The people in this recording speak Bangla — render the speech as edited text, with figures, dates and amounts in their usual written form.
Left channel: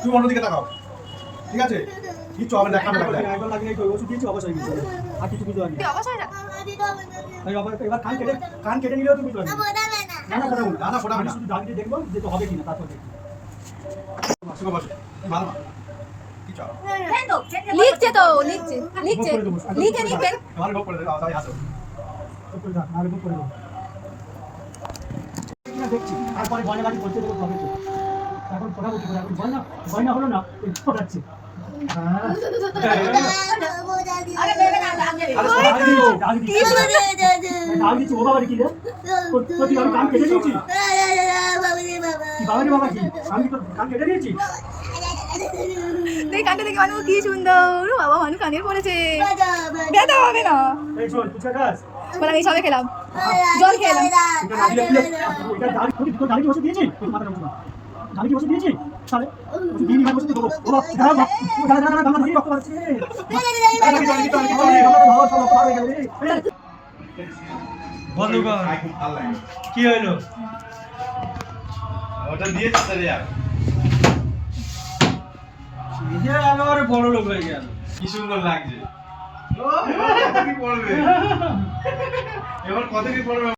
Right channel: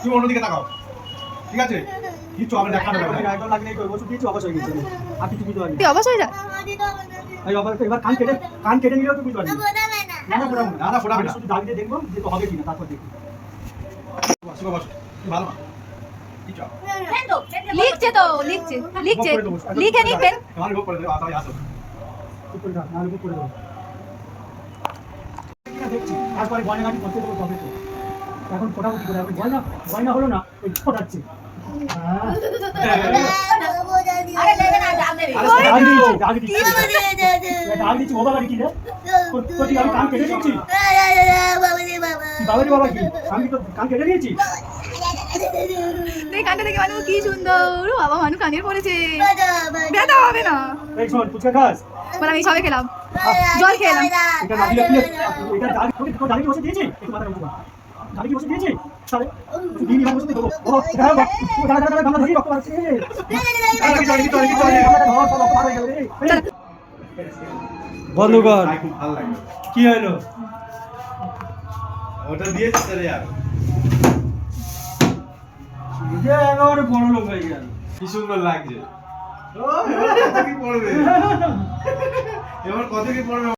তুমি অন্যদিকে তাকাও, ঠিক আছে? কিছু হবে না, কানে লাগবে। একদম লাগলে এই ওষুধ দিয়েছি অবশ হয়ে গেছে। আর কিছু বুঝতে পারিনি। তুই অবশ হয়ে যা। এই এবার কান কেটে নিলেও তুমি বুঝতে পারবি না। না ফোটাবো না, না, ফোটাবে না। শুধু দাগ দিয়ে দেখবো যে তো হবে কিনা, তারপর দেখবি। বসো, বসো। ভালো না। কিছু হবে লিখছে তো, লিখছে লিখছে, লিখে নিবেন। তোমার লোক করে দেবো, তাই আসো। চুপ করে থাক, নাহলে বুক করে দেবো। না দেখছি, তারপরে গয়না গাড়ি করতে দেবো তবে তো। এখন ফোটাবো কি করে? এখন গয়না হলো না, এই ফোটাচ্ছে। হ্যাঁ। দাগ দিচ্ছি, ও বাবা কি রে? তোর কি আমি কান কেটে দিয়েছি? কি বাবারে বাবা কি? আমি তো কান কেটে দিয়েছি। দেখ কানটা দেখে মানুষ কি সুন্দর। ও বাবা, মানুষ কানের পড়েছে, ব্যথা হবে না। এই শোন, ফুচকা খাস? বলে আমি সবে খেলাম, জল খেলাম। এটা না দিলে এটা দাগ তোর দাড়ি কি বসে দিয়েছি? একটু মাথা নষ্ট কর। দাড়ি কি বসে দিয়েছি? তাহলে তুই দিবি না বসে দেবো। ও দাঁড়া গামলা ধরে রক্ত পড়ছে। বন্ধু কর। খুব ভালো লাগে। কি হলো? ওটা দিয়েছি স্যার यार। যে একেবারে বড় লোক হয়ে গেল। কি সুন্দর লাগছে। ও এবার কত কি পড়বে? এবার কত কি পড়বে?